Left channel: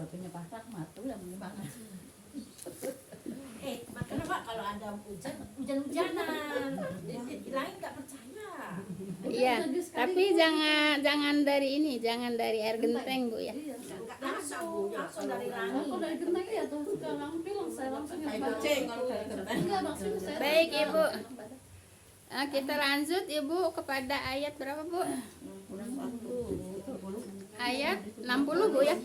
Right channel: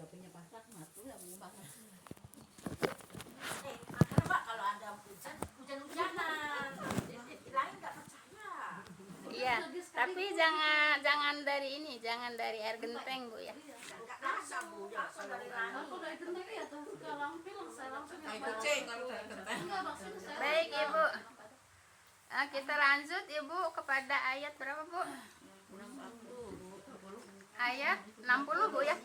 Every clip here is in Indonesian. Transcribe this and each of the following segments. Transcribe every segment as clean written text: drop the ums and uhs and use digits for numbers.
suaminya Pak Rahmat tuh yang gimana? Kenapa kalau ada hujan-hujanan? Lain nggak percaya. Iya, tapi jangan dari ini, jangan dari air genteng Bu ya. Langsung dari rangi. Aku dari genteng ya tuh sekarang bilang saya langsung yang Baik Ibu. Kita lanjut Ibu kepada ayat berapa Bu? Ayat 60 Bu ya.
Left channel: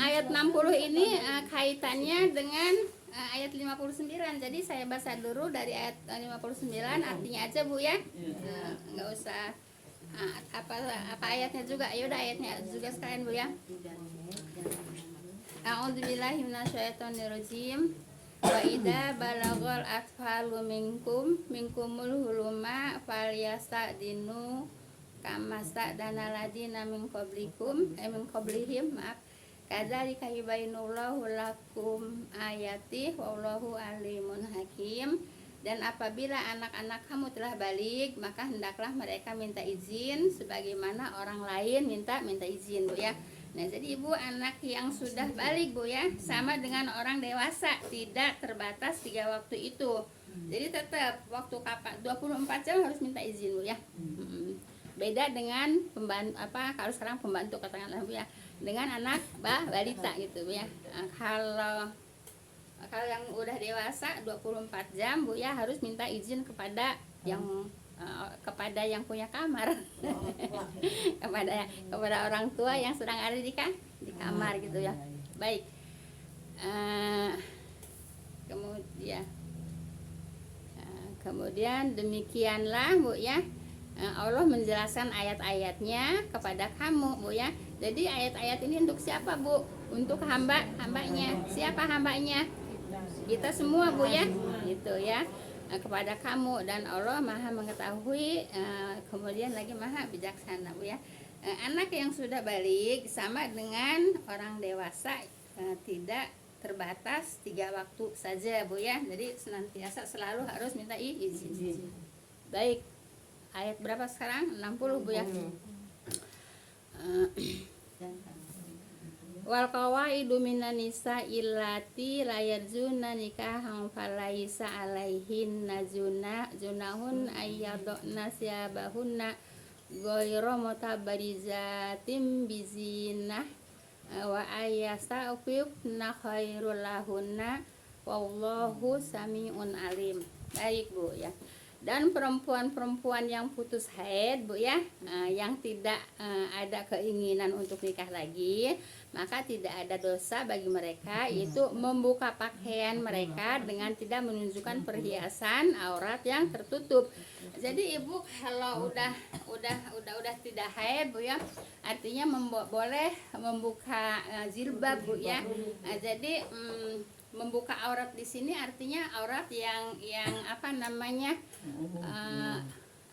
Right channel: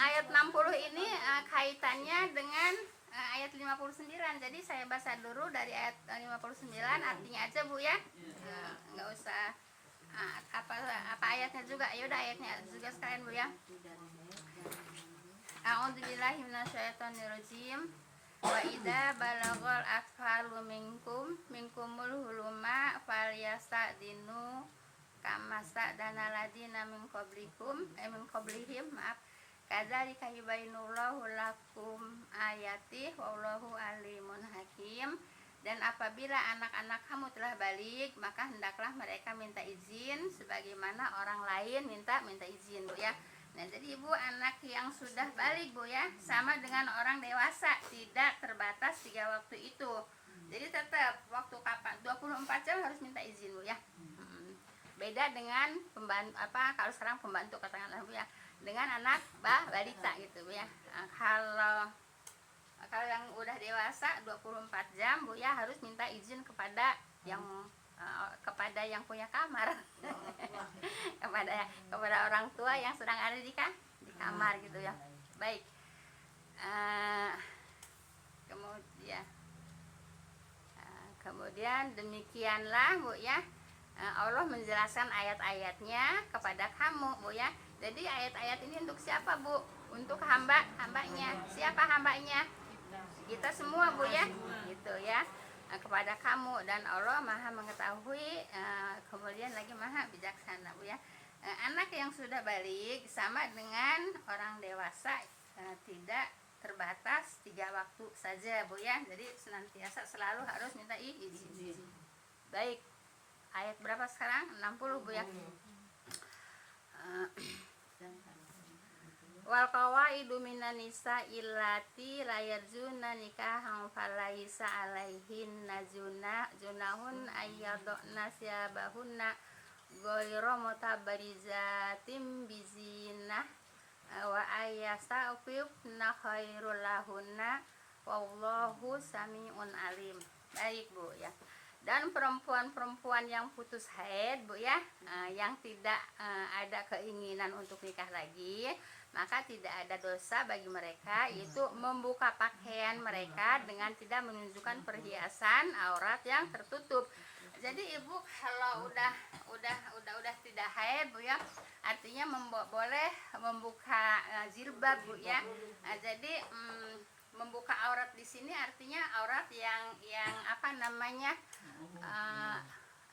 Ayat 60 ini kaitannya dengan ayat 59. Jadi saya baca dulu dari ayat 59 artinya aja Bu ya. Nggak usah apa ayatnya juga. Ya udah ayatnya juga sekalian Bu ya. A'udzubillahi minasyaitonirrajim. Wa idza balagal atfalu minkumul huluma falyastadinu kama sta'dana ladina min qablihim maaf kadzalika yubayyinullahu lakum ayati wallahu alimun hakim. Dan apabila anak-anak kamu telah balik, maka hendaklah mereka minta izin sebagaimana orang lain minta izin Bu ya. Nah jadi Ibu, anak yang sudah balik Bu ya, sama dengan orang dewasa, tidak terbatas 3 waktu itu. Jadi tetap waktu kapan 24 jam harus minta izin Bu ya. Beda dengan pembantu kalau sekarang pembantu katakanlah Bu ya, dengan anak balita gitu Bu ya. Kalau yang udah dewasa 24 jam Bu ya harus minta izin kepada yang punya kamar. kepada orang tua yang sedang ada di kamar gitu ya. Baik. Kemudian demikianlah Bu ya. Allah menjelaskan ayat-ayatnya kepada kamu Bu ya. Jadi ayat-ayat ini untuk siapa Bu? Untuk hambanya. Siapa hambanya? Kita semua Bu ya. Gitu ya. Kepada kamu, dan Allah maha mengetahui, kemudian lagi maha bijaksana Bu ya. Anak yang sudah balik sama dengan orang dewasa, tidak terbatas 3 waktu saja Bu ya. Jadi senantiasa selalu harus minta izin. Baik, ayat berapa sekarang? 60 Bu ya. Wal qawaidu minan nisa illati la yarjuna nikahan falaisa alaihin junahun ayyadna siyabahunna ghairu mutabarizatim bizinah wa ayyastafifna khairul lahunna wallahu samiun alim. Baik Bu ya. Dan perempuan-perempuan yang putus haid Bu ya, yang tidak ada keinginan untuk nikah lagi, maka tidak ada dosa bagi mereka itu membuka pakaian mereka dengan tidak menunjukkan perhiasan aurat yang tertutup. Jadi Ibu kalau udah tidak haid Bu ya, artinya boleh membuka jilbab Bu ya. Jadi membuka aurat di sini artinya aurat yang apa namanya,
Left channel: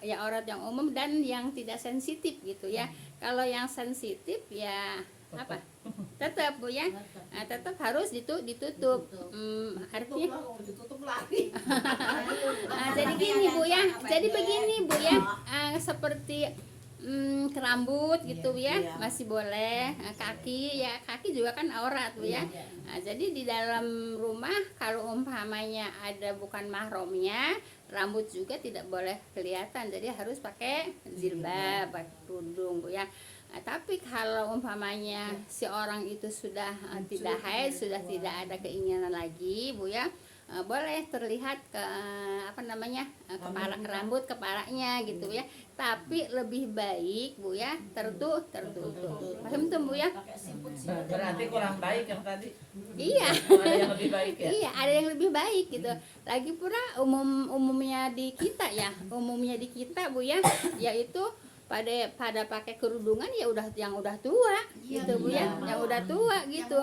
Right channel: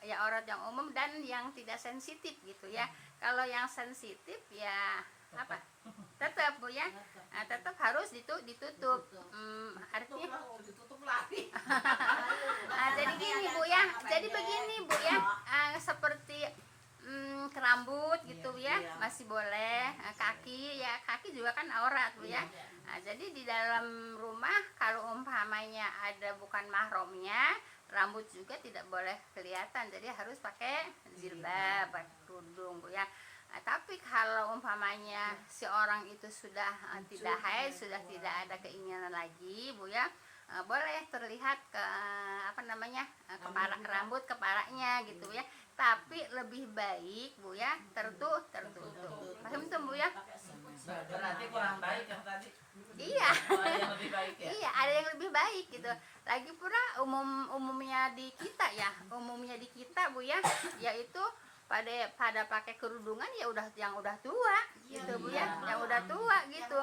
ya aurat yang umum dan yang tidak sensitif gitu ya. Kalau yang sensitif ya apa? Tetap Bu ya, tetap harus ditutup. Artinya Ditutup lagi. jadi gini Bu ya, jadi begini Bu ya, seperti rambut gitu ya masih boleh, kaki juga kan aurat Bu ya. Nah, jadi di dalam rumah kalau umpamanya ada bukan mahramnya, rambut juga tidak boleh kelihatan, jadi harus pakai jilbab, pakai kerudung Bu ya. Nah, tapi kalau umpamanya si orang itu sudah tidak haid, sudah tidak ada keinginan lagi Bu ya, boleh terlihat ke rambut kepalanya gitu ya. Tapi lebih baik Bu ya tertutup. Paham tuh Bu ya? Berarti kurang baik yang tadi. Iya. Ada yang lebih baik ya? Iya, ada yang lebih baik gitu. Lagi pula umumnya di kita Bu ya, yaitu pada pakai kerudungan ya yang udah tua gitu Bu ya, yang udah tua gitu.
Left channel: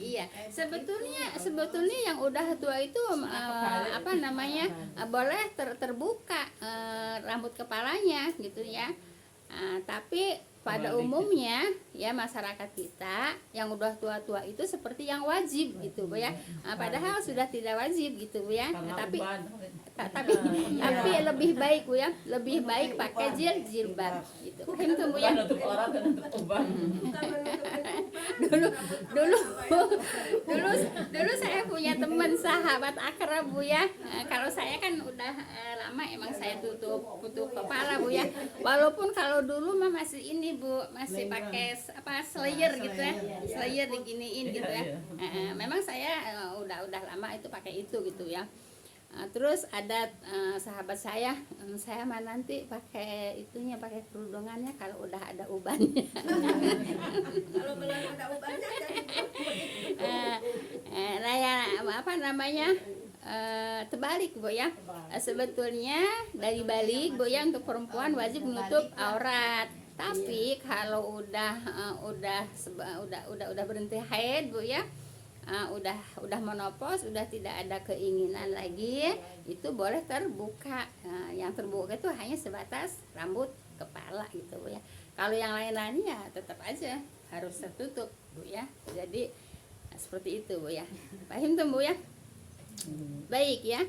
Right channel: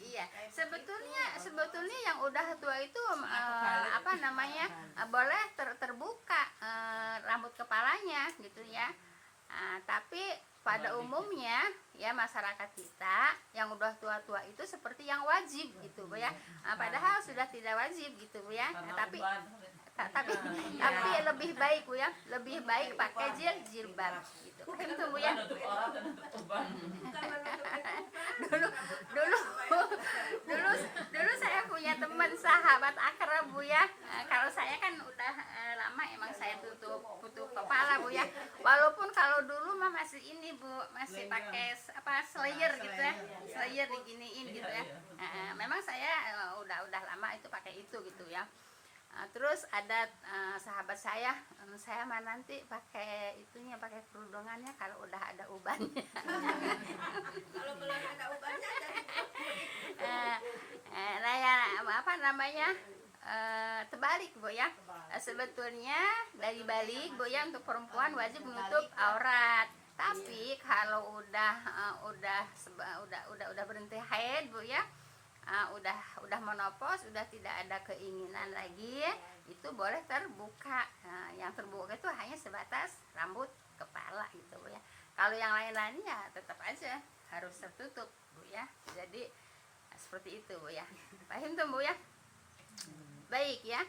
Iya, sebetulnya yang udah tua itu boleh terbuka rambut kepalanya gitu ya. Tapi pada umumnya ya masyarakat kita yang udah tua-tua itu seperti yang wajib gitu Bu ya. Padahal sudah tidak wajib gitu Bu ya. Tapi lebih baik Bu ya, lebih baik pakai jilbab gitu. Itu Bu ya. dulu dulu dulu saya punya teman sahabat akrab Bu ya. Kalau saya kan udah lama emang saya tutup kepala Bu ya. Walaupun kalau dulu mah masih ini Bu, masih pakai apa slayer gitu ya, slayer diginiin gitu ya. Memang saya udah lama itu pakai itu gitu ya. Terus ada sahabat saya mah nanti pakai itunya, pakai kerudungannya kalau udah ada ubannya. Kalau belum ada ubannya jadi Nah ya apa namanya, terbalik Bu ya. Sebetulnya dari balik Bu ya, untuk perempuan wajib menutup aurat. Tapi kalau udah berhenti haid Bu ya, udah menopause, udah tidak ada keinginan lagi, itu boleh terbuka. Yang terbuka itu hanya sebatas rambut kepala gitu Bu ya. Kalau yang lain-lain ya tetap aja harus tertutup Bu ya. Jadi seperti itu Bu ya. Paham tuh Bu ya? Baik ya.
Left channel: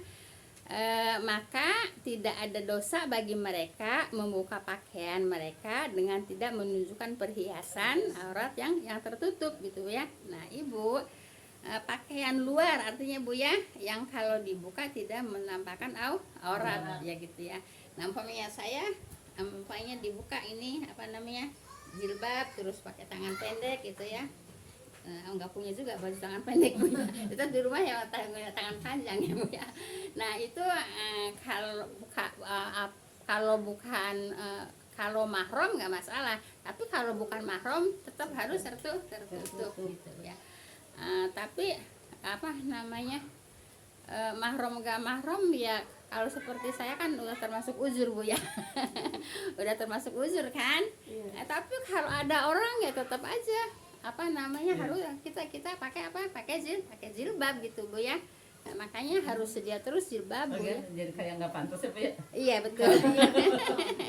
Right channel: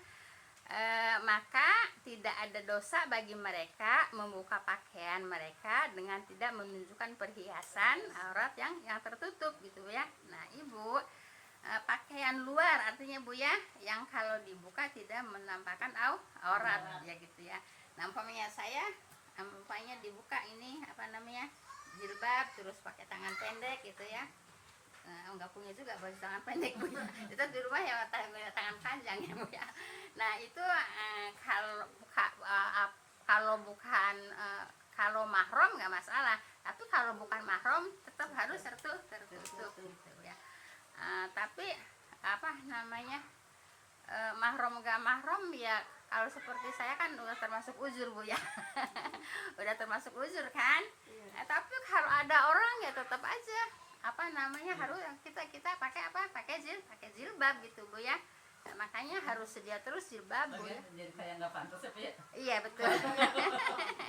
Maka tidak ada dosa bagi mereka membuka pakaian mereka dengan tidak menunjukkan perhiasan aurat yang tertutup gitu ya. Nah Ibu, pakaian luar artinya Bu ya, yang kalau dibuka tidak menampakkan aurat ya gitu ya. Nah umpamanya saya umpamanya dibuka ini apa namanya, jilbab, terus pakai tangan pendek gitu ya. Enggak punya juga baju tangan pendek Bu ya. Kita di rumah ya tangan panjang ya Bu ya. Nah itu kalau bukan kalau mahram nggak masalah, tapi kalau bukan mahram tetap harus tertutup gitu ya. Tapi apa namanya, mahram gak mahram ya, kalau seperti saya kan udah termasuk uzur Bu ya. Udah termasuk uzur kan. Tapi kalau ada orang ya tetap aja apa namanya, harus kita pakai apa, pakai jilbab gitu Bu ya. Nah, makanya harus sedia terus jilbab Bu ya. Jadi kayak nggak pantas ya Bu ya. Iya betul.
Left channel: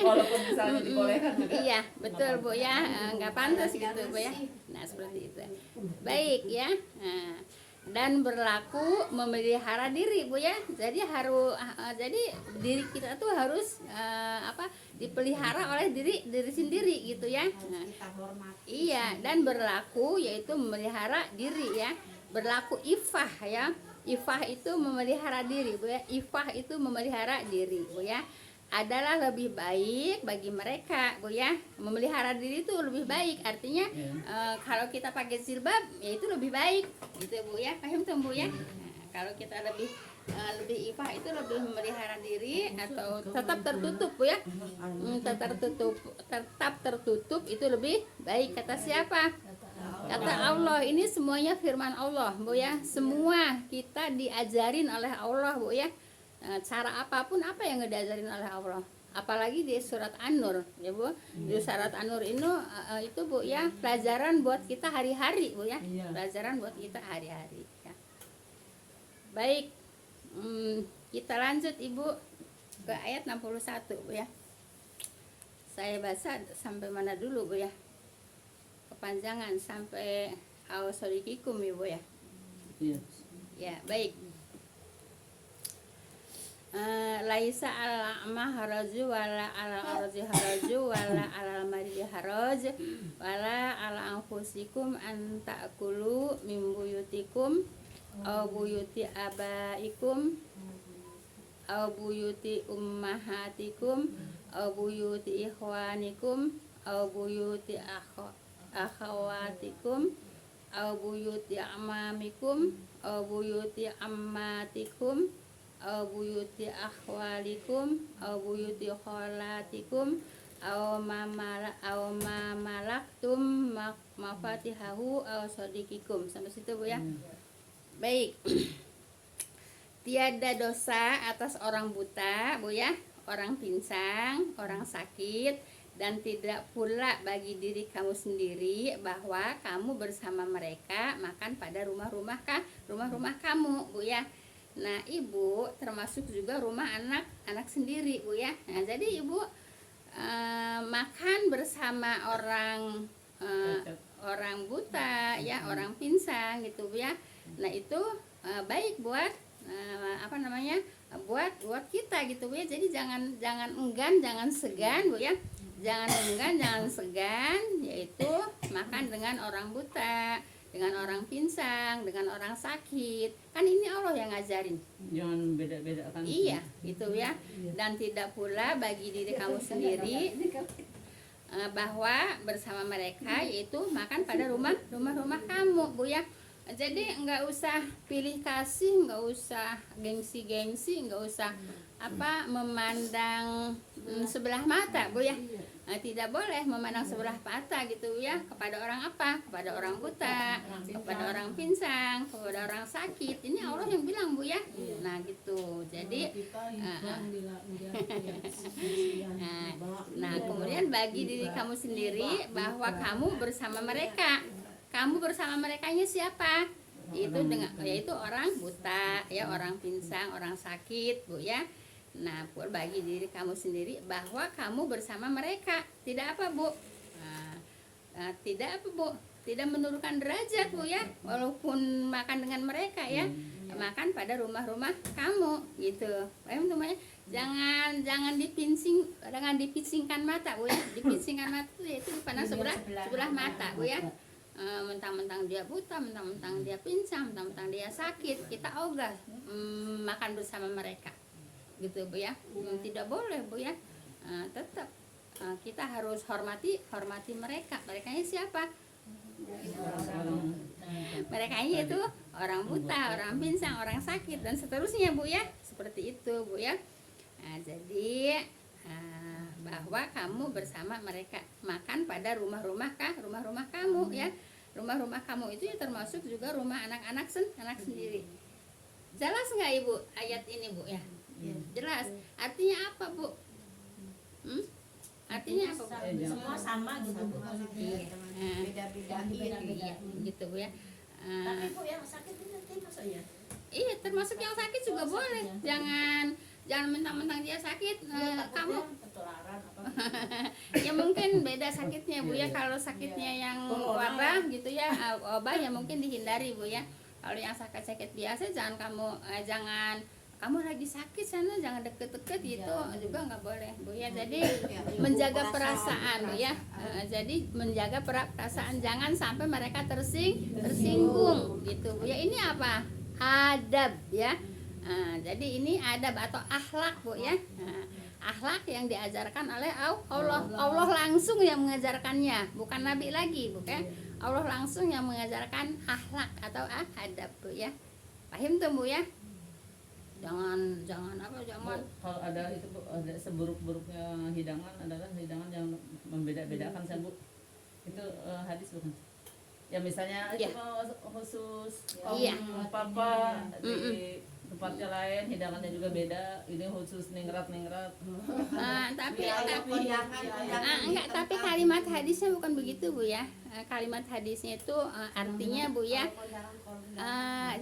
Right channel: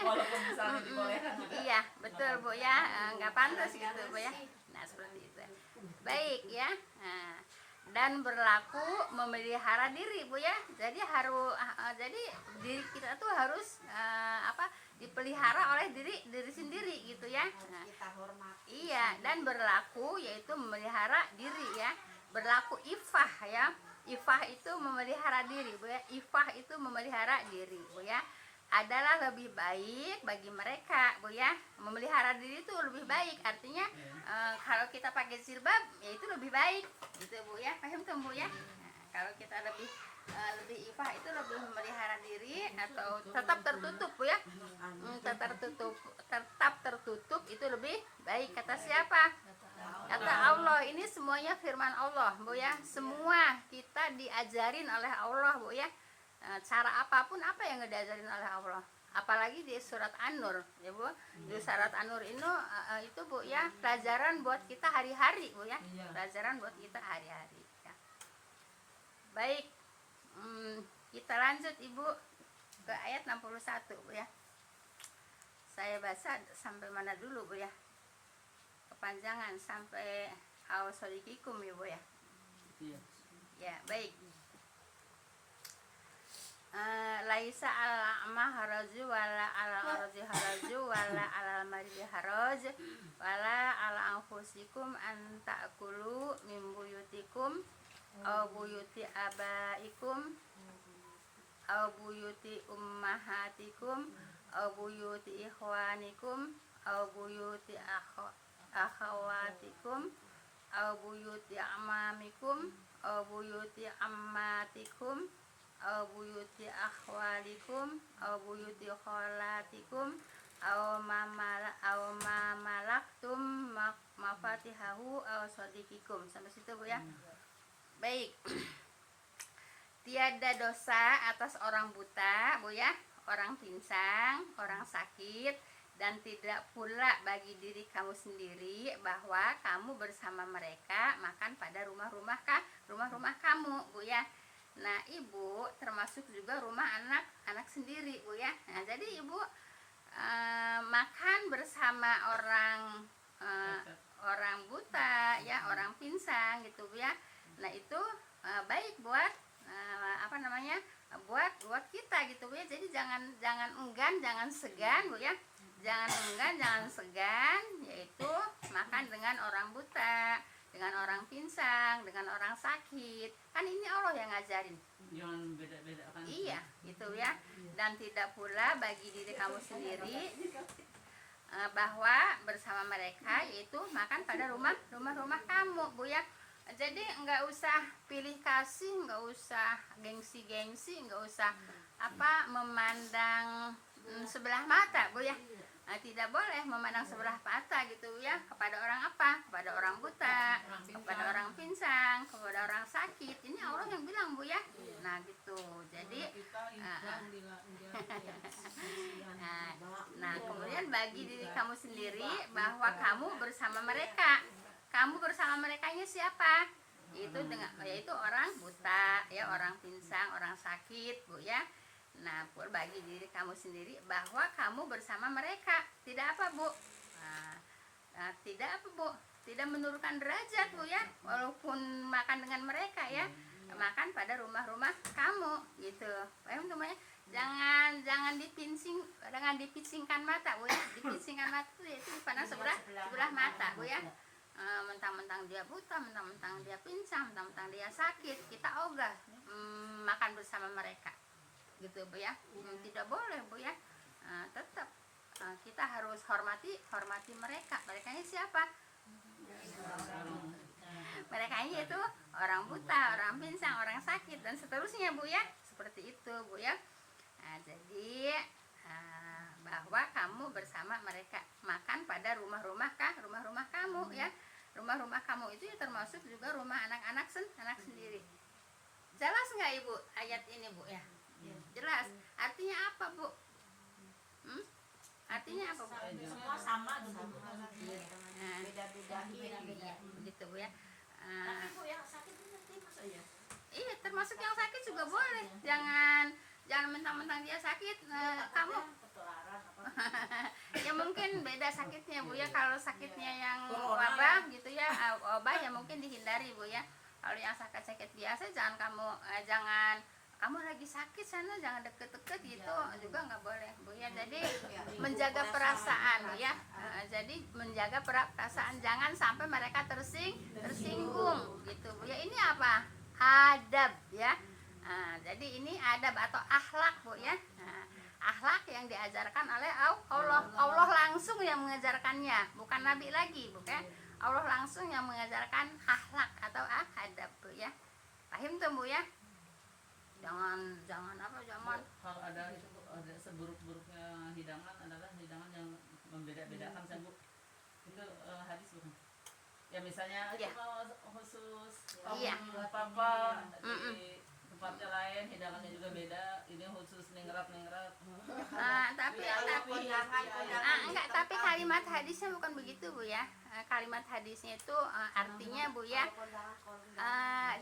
Walaupun misalnya dibolehkan juga. Iya betul Bu ya, nggak pantas gitu Bu ya. Nah seperti itu. Baik ya. Nah, dan berlaku memelihara diri Bu ya. Jadi harus jadi diri kita tuh harus dipelihara oleh diri sendiri gitu ya. Nah, iya, dan berlaku yaitu memelihara diri ya. Berlaku ifah ya. Ifah itu memelihara diri Bu ya. Ifah itu memelihara diri Bu ya. Adalah lebih baik bagi mereka Bu ya. Memelihara diri itu lebih baik, artinya kalau kita pakai jilbab ya itu lebih baik gitu Bu ya. Paham tuh Bu ya. Kalau kita lebih ifah itu lebih memelihara diri, atau tetap tertutup Bu ya. Tetap tertutup itu lebih baik. Kata siapa? Kata Allah. Ini semuanya firman Allah Bu ya. Semua kita diajarin oleh Allah Bu ya. Cara apapun apa yang diajarin oleh Allah, apalagi di surat An-Nur ya Bu. Di surat An-Nur itu Bu ya, pelajaran buat kita hari-hari Bu ya. Pelajaran buat kita hari-hari ya. Baik, kita lanjut Ibu ke ayat 61 Bu ya. Saya baca sampai mana dulu Bu ya? Kepanjangan sampai awsodikikum Ibu ya. Ya baik. Laisa al-a'ma haraju wala al-arji haraju wala al-marji haraj wala ala anfusikum an ta'kulu min buyutikum aw buyuti abaikum aw buyuti ummahatikum aw buyuti ikhwanikum aw buyuti akhawatikum aw buyuti amamikum aw buyuti ammatikum aw buyuti akhwalikum aw buyuti kholatikum aw ma malaktum mafatihahu aw sadiqikum. Sampai situ Bu ya. Baik. Tiada dosa atas orang buta Bu ya, orang pinsang, orang sakit, dan tidak pula bagi diri kamu sendiri bahwa kamu bersama mereka makan pada rumah-rumah kamu Bu ya. Nah Ibu termasuk juga rumah anak sendiri Bu ya. Nah jadi Ibu makan bersama orang buta ya, orang pinsang gitu Bu ya. Nah itu baik buat buat kita gitu Bu ya. Jadi jangan enggan, jangan segan Bu ya. Jangan enggan, jangan segan, yaitu makan dengan dengan orang buta, dengan orang pinsang, dengan orang sakit. Kan ini Allah yang ngajarin. Jangan beda-beda kan. Iya, itu ya. Dan tidak pula bagi diri kamu sendiri bahwa bersama mereka yaitu makan pada rumah kamu, Bu ya. Jadi nggak usah pilih kasih, nggak usah gengsi-gengsi, nggak usah memandang sebelah mata, Bu ya. Tidak boleh memandang sebelah mata gitu ya kepada orang kepada orang buta, kepada orang pinsang, kepada orang sakit. Ini Allah yang bilang, Bu ya. Nah gitu. Jadi nah kemudian bagi diri kamu sendiri bahwa kamu bersama mereka. Kamu bersama merekanya siapa? Itu yaitu orang buta, ya, orang pinsang, orang sakit, Bu ya. Nah, bagi diri kamu sendiri bahwa kamu bersama mereka. Tidak apa, Bu? Tidak apa, Bu? Tidak menurunkan derajat, Bu ya. Walaupun makan dengan mereka ya. Makan pada rumah-rumah kamu gitu. Paham namanya? Jangan dipincingkan mata, Bu ya. Dipincingkan mata itu dipandang sebelah mata, Bu ya. Mentang-mentang dia buta, mentang-mentang dia pincang, mentang-mentang dia sakit, kita ogah makan bersama mereka, gitu, Bu ya. Tidak boleh, Bu ya. Tetap kita harus hormati mereka. Merekanya siapa? Merekanya itu orang buta, orang pincang, orang sakit, dan seterusnya, Bu ya. Seperti itu, Bu ya. Jadi bahwa kamu bersama mereka makan pada rumah-rumah kamu ya. Rumah-rumah kamu itu termasuk juga rumah anak-anak sendiri. Jelas nggak Ibu ayat ini, Bu ya? Jelas. Artinya apa, Bu? Artinya apa, Bu? Semua sama gitu, beda-bedain gitu, Bu ya. Tapi Bu yang sakit itu nanti maksudnya? Iya, termasuk yang sakit juga boleh. Jangan mentang-mentang dia sakit, kamu ya mungkin beda sakitnya, Bu ya. Kalau sakitnya yang wabah gitu ya, wabah ya mungkin dihindari, Bu ya. Kalau yang sakit biasa jangan kamu lagi sakit sana, jangan deket-deket gitu juga nggak boleh, Bu ya. Jadi menjaga perasaan, Bu ya. Jadi menjaga perasaan, jangan sampai mereka tersinggung gitu, Bu ya. Ini apa? Adab ya. Jadi ini adab atau akhlak, Bu ya. Akhlak yang diajarkan oleh Allah langsung yang mengajarkannya, bukan Nabi lagi, bukan. Allah langsung yang mengajarkan akhlak atau adab, Bu ya. Paham tuh, Bu ya? Jangan kalau ada itu, Bu, ada seburuk-buruknya hidangan adalah hidangan yang membeda-bedakan, Bu. Itu hadis bukan? Ya misalnya itu khusus papa di tempatnya lain hidangannya juga beda, ini khusus ningrat. Tapi kalimat hadisnya bukan begitu, Bu ya. Kalimat hadisnya itu artinya, Bu ya.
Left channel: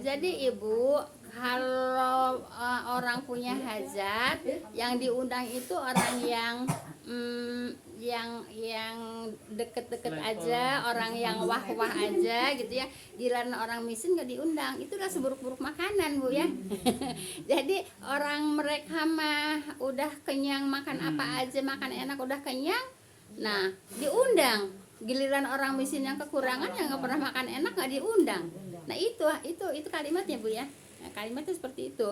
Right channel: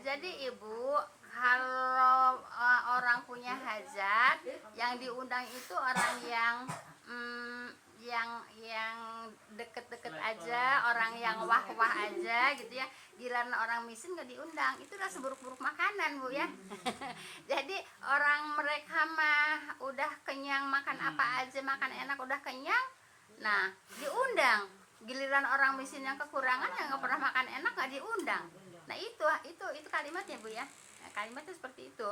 Jadi Ibu, kalau orang punya hajat, yang diundang itu orang yang deket-deket aja, orang yang wah-wah aja gitu ya. Giliran orang miskin gak diundang, itulah seburuk-buruk makanan, Bu ya. Jadi orang mereka mah udah kenyang, makan apa aja, makan enak, udah kenyang, nah diundang. Giliran orang miskin yang kekurangan, yang gak pernah makan enak, gak diundang. Nah itu kalimatnya, Bu ya. Nah, kalimatnya seperti itu.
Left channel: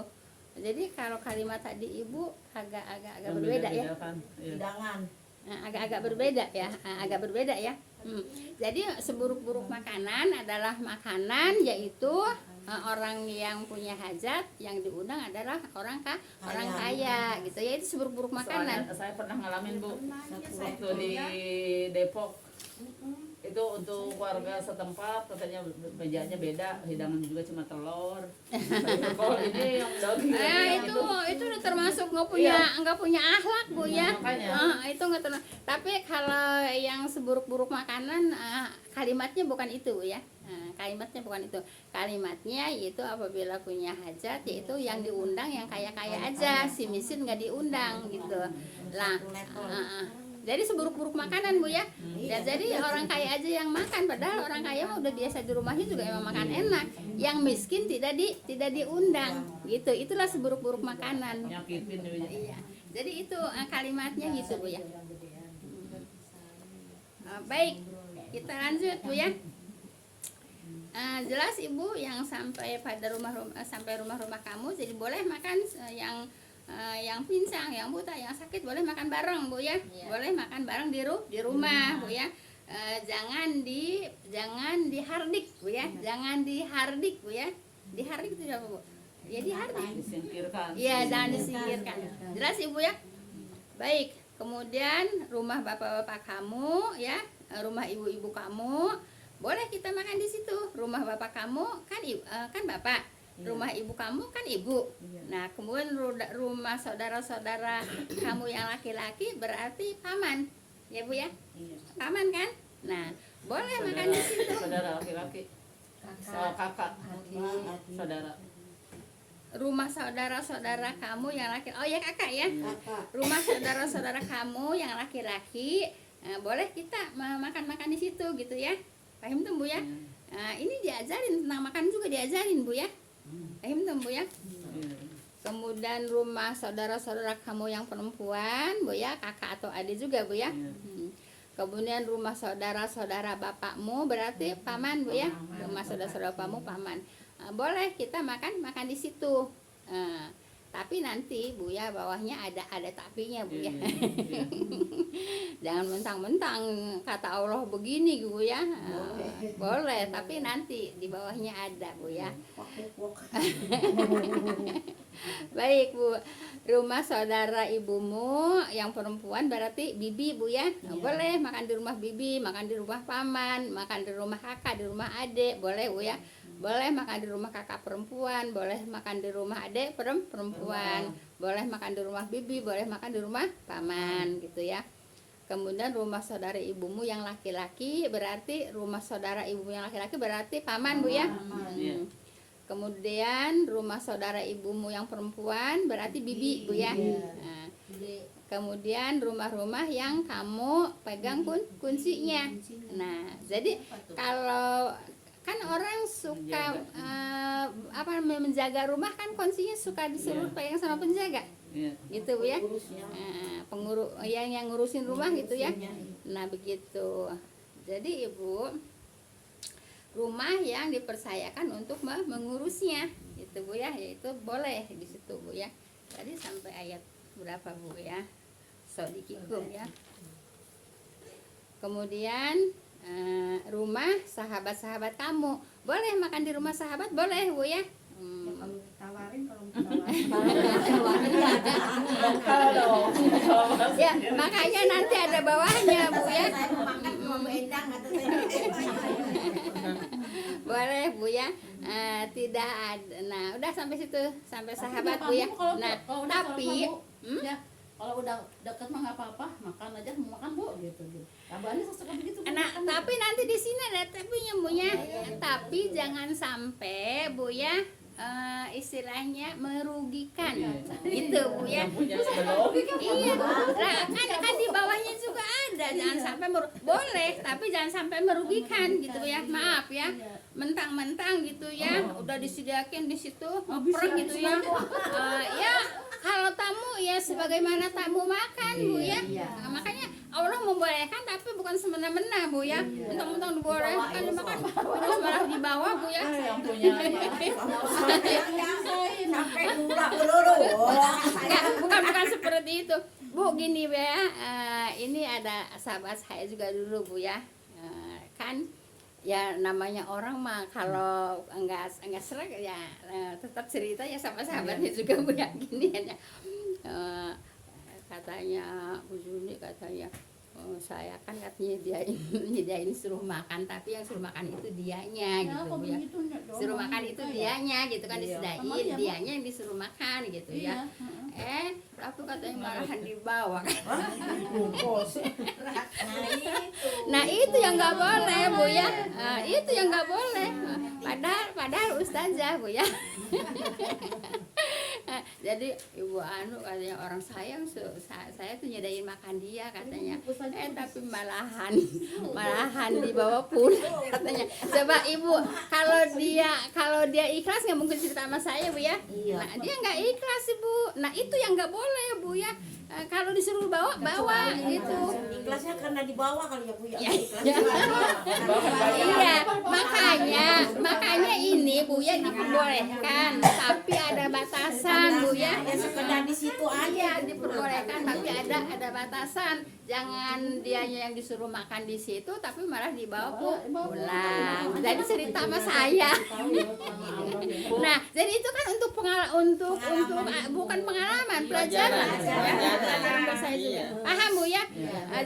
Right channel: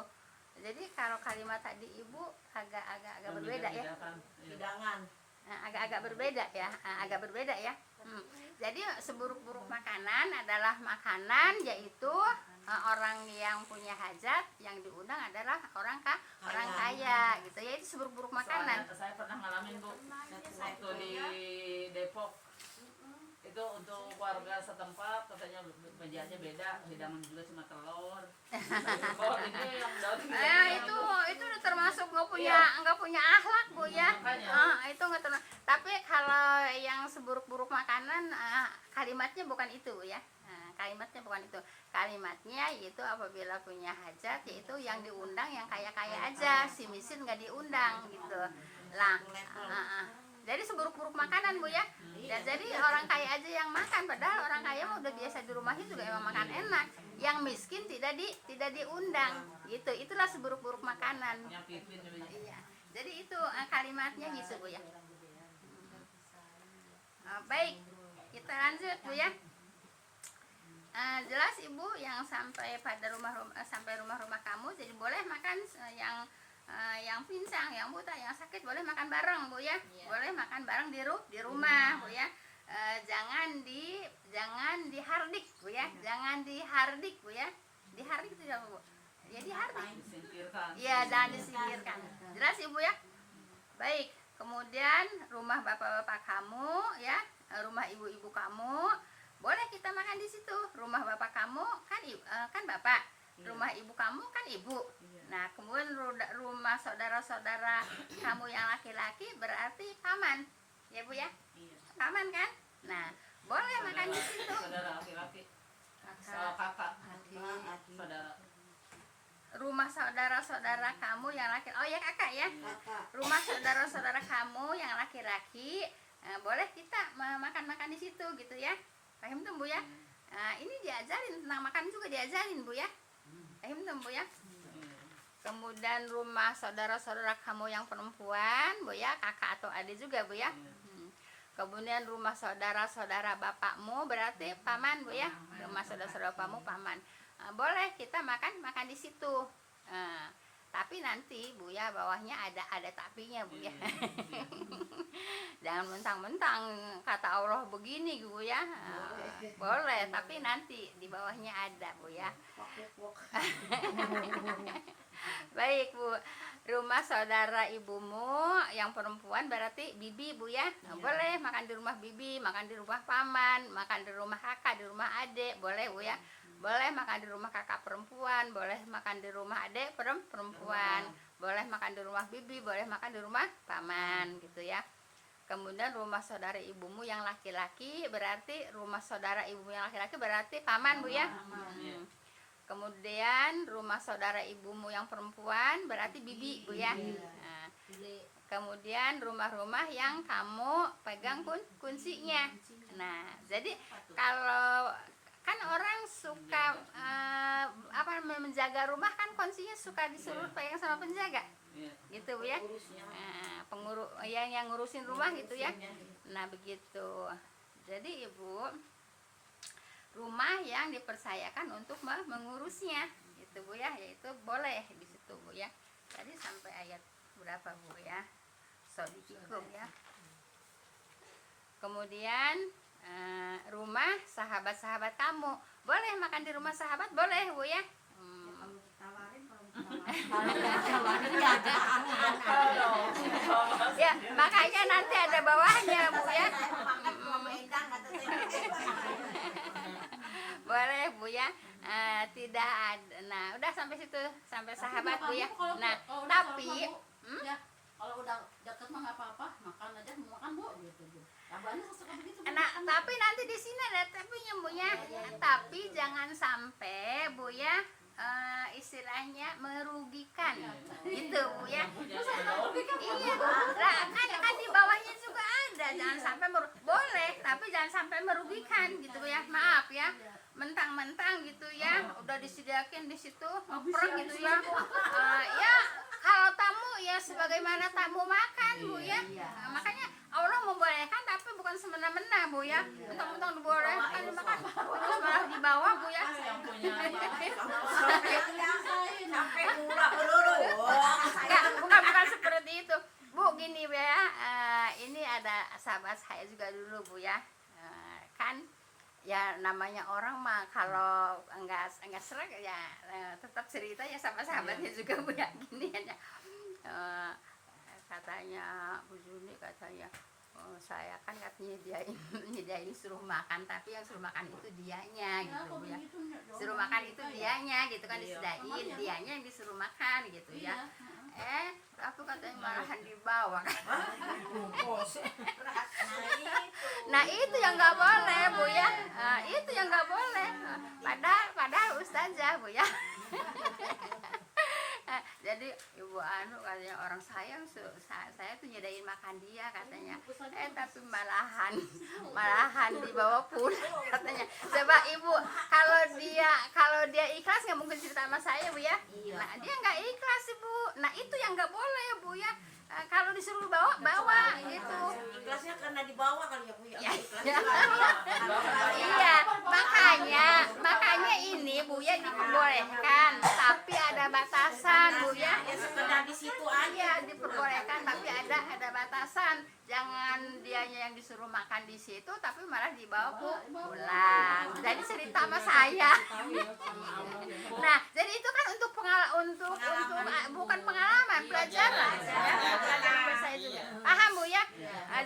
Jadi kalau kalimat tadi Ibu agak berbeda ya. Hidangan. Agak berbeda ya. Jadi seburuk-buruk makanan adalah makanan yaitu orang yang punya hajat, yang diundang adalah orang kaya gitu ya. Itu seburuk-buruk makanan. Soalnya saya pernah ngalamin, Bu, waktu di Depok. Itu untuk warga setempat katanya mejanya beda, hidangan juga cuma telur. Kalau ini yang daging itu udah termasuk nggak punya akhlak, Bu ya. Itu nggak termasuk. Tapi kalau yang seburuk-buruk makanan, kalimatnya bukan itu, ya. Kalimatnya bukan itu. Kalimatnya yaitu apabila punya hajat, yaitu yang diundang yang kaya-kaya aja, si miskin nggak diundang gitu lah. Jadi seburuk-buruk makanan, Bu ya. Ya jadi orang kaya aja yang makan, padahal orang kaya mah udah biasa di rumahnya juga emang makan enak. Yang miskin tidak diundang gitu. Itulah seburuk-buruk makanan. nyakitin juga. Iya. Jadi itu kalimatnya gitu, Bu ya. Baik. kita lanjut Bu ya. Jelas Ibu yang sampai pada rumah-rumah kamu, jadi boleh makan yang pincang, yang buta, yang sakit boleh makan bareng Bu ya. Boleh makan bareng di rumah Bu ya. Jangan dihardik Bu ya. Jangan dihardik Bu ya. Dihardik itu apa Bu? Ya dihardik. Disingkirkan. Iya, jangan disingkirkan. Jelas Ibu ya. Baik, kemudian rumah bapak-bapak kamu ya, rumah ibu-ibu kamu, boleh kita makan di situ. Rumah bapak kamu kan bapak, rumah ibu kamu kan ibu. Nah, kemudian rumah saudara-saudara kamu yang laki-laki berarti paman, ya Bu ya, paman kan. Nah, boleh makan di situ. Saudara laki-laki. Kakak. Saudara. Rumah saudara-saudara kamu yang laki, oh ya kakak ya, rumah saudara-saudara kamu yang laki-laki, boleh kita makan-makan di situ gitu ya. Paham tuh Bu ya. Ini diajarin tentang makan juga diajarin Bu ya. Paham tuh Bu ya. Kemudian rumah saudara-saudara kamu yang perempuan Bu ya, kakak atau adik juga Bu ya. Kemudian rumah saudara-saudara bapakmu berarti paman Bu ya. Rumah saudara-saudara bapakmu paman. Boleh kita makan di situ. Tapi nanti Bu ya, bawahnya ada tapinya Bu ya. Jangan mentang-mentang kata Allah begini Bu ya. Boleh, tapi nanti di bawahnya ada Bu ya. Baik Bu. Rumah saudara ibumu yang perempuan berarti bibi Bu ya. Boleh makan di rumah bibi, makan di rumah paman, makan di rumah kakak, di rumah adik, boleh Bu ya. Boleh makan di rumah kakak perempuan, boleh makan di rumah adik perempuan, boleh makan di rumah bibi, boleh makan di rumah paman gitu ya. Kemudian rumah saudara ibumu yang laki-laki berarti rumah saudara ibumu yang laki-laki berarti paman Bu ya. Kemudian rumah saudara ibumu yang perempuan berarti bibi Bu ya. Nah, kemudian rumah-rumah yang kamu pegang kuncinya. Nah, jadi kalau kan orang suka menjaga rumah kan kuncinya suka disuruh pegang sama penjaga. Gitu Bu ya. Pengurus yang ngurusin rumah gitu ya. Nah, begitu. Jadi Ibu, rumah yang dipercayakan untuk mengurusnya gitu Bu ya, yaitu boleh di situ Bu ya. Tadi sampai ayat berapa Bu ya? Sodikikum ya. Kemudian rumah sahabat-sahabat kamu, boleh makan di rumah sahabat, boleh Bu ya. Ya, makanya nanti ada bawahnya Bu ya. Boleh Bu ya. Tidak ada. Nah, udah sampai situ, sampai sahabat Bu ya. Nah, tapi kalau udah deket mah nggak apa-apa, makan aja, mau makan Bu gitu. Abahnya suka begitu. Nah, tapi nanti di sini ada tapinya Bu ya. Tapi jangan sampai Bu ya, istilahnya merugikan gitu Bu ya. Iya, kan di bawahnya juga ada. Jangan sampai boleh, tapi jangan sampai merugikan gitu ya. Maaf ya, mentang-mentang gitu ya, udah disediakan di situ oprek gitu ya. Ya kalau tamu ya sebagaimana tamu makan Bu ya. Makanya Allah membolehkan tapi bukan semena-mena Bu ya. Mentang-mentang dibolehkan dimakan terus malah dibawa Bu ya. Yang punya bukan seperti itu Bu. Gini ya, ini ada sahabat saya juga dulu Bu ya. Kan ya namanya orang mah kalau enggak serak ya tetap cerita ya sama sahabatnya juga Bu ya. Gini aja, katanya Bu Juni katanya, saya kan nyediain suruh makan, tapi yang suruh makan itu dianya gitu Bu ya. Suruh makan itu dianya gitu kan, disediain, dianya yang disuruh makan gitu ya. Tapi katanya malahan dibawa. Nah itu yang nggak boleh Bu ya. Itu yang nggak boleh. Padahal ustazah Bu ya. jadi ibu anu katanya orang sayang saya tuh nyediain makan dia katanya, tapi malahan dibawa pulang katanya. Coba ibu, kalau dia ikhlas nggak mungkin cerita sama saya bu ya. Nah dia nggak ikhlas bu, nah itu yang nggak boleh ya bu ya. Kalau disuruh bawa gitu. Ikhlasnya karena dibawa kali ya Bu ya. Iya, makanya ini Bu ya diperbolehkan, tapi ada batasan Bu ya. Ya sekedar di situ aja. Iya, diperbolehkan tapi ada batasan. Jangan dianya yang disuruh makan di situ tapi malah dibawa pulang. Jadi cerita sama saya. Nah, jadi itu kan untuk bukan pengalaman, pelajaran. Saya juga. Paham Bu ya?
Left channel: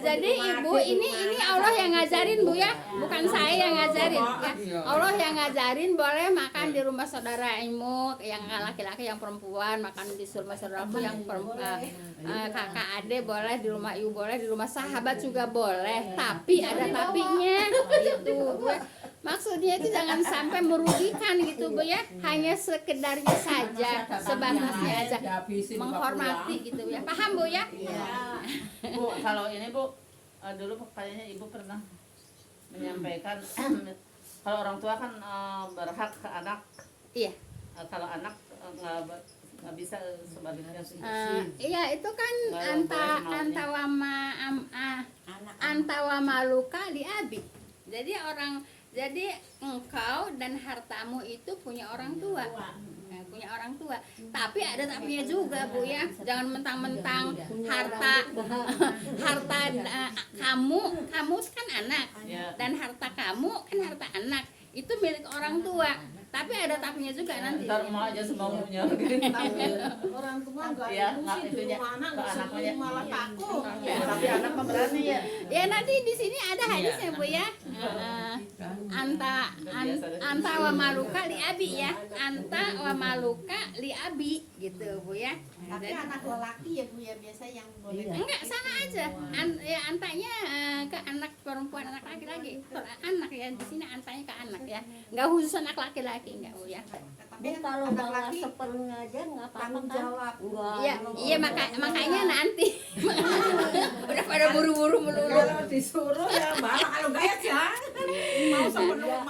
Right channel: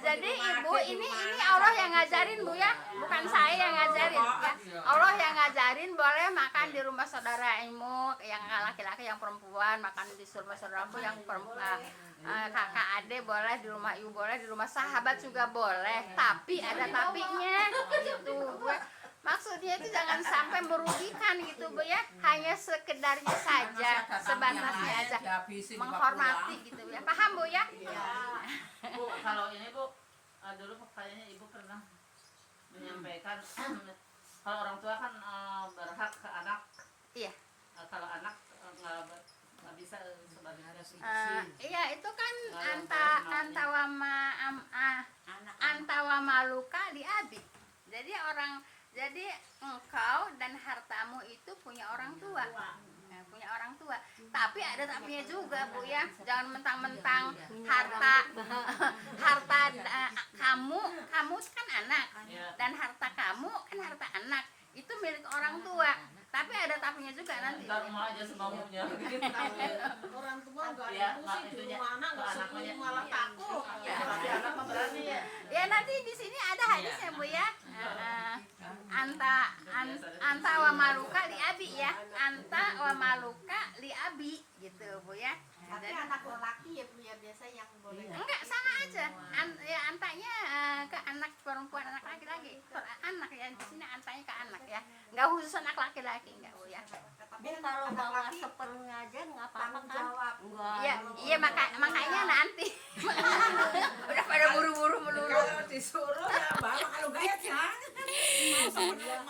Jadi Ibu ini Allah yang ngajarin Bu ya, bukan saya yang ngajarin ya. Allah yang ngajarin boleh makan di rumah saudara Ibu yang laki-laki, yang perempuan makan di rumah saudaraku yang perempuan, kakak adik boleh di rumah Ibu, boleh di rumah sahabat juga boleh, tapi ada tapinya gitu Bu ya. Maksudnya itu jangan sampai merugikan gitu Bu ya, hanya sekedarnya saja, sebatasnya aja, menghormati gitu ya. Paham Bu ya? Bu, kalau ini Bu, dulu kayaknya Ibu pernah menyampaikan kalau orang tua kan berhak ke anak. Iya. Kalau anak nggak bisa sebaliknya. Iya itu kan antawa maluka di abi. Jadi engkau dan hartamu itu punya orang tua. Punya orang tua. Tapi ada tapinya juga Bu ya. Jangan mentang-mentang harta kamu kan anak. Dan harta kamu kan harta anak. Itu milik orang tua. Tapi ada tapinya juga nanti. Ntar mau aja semaunya. Orang tua enggak Ya, nggak emosi di itunya rumah anak, ke anaknya. malah takut. Tapi anak mah berani ya. Ya nanti di sini ada hadisnya Bu ya. Anta wa maluka li abi ya. Anta wa maluka li abi gitu Bu ya. Tapi anak lelaki ya Bu ya biasa yang boleh. Enggak sama aja. Antanya ke anak perempuan, anak laki-laki. Anak ya di sini antanya ke anak ya. Enggak khusus anak laki-laki enggak Bu ya. Tapi kalau anak bawa laki seperlunya aja nggak apa-apa tanggung kan? jawab. Iya makanya nanti udah pada buru-buru melulu. Kalau disuruh ya malah kalau enggak ya jangan. Mau sepenuh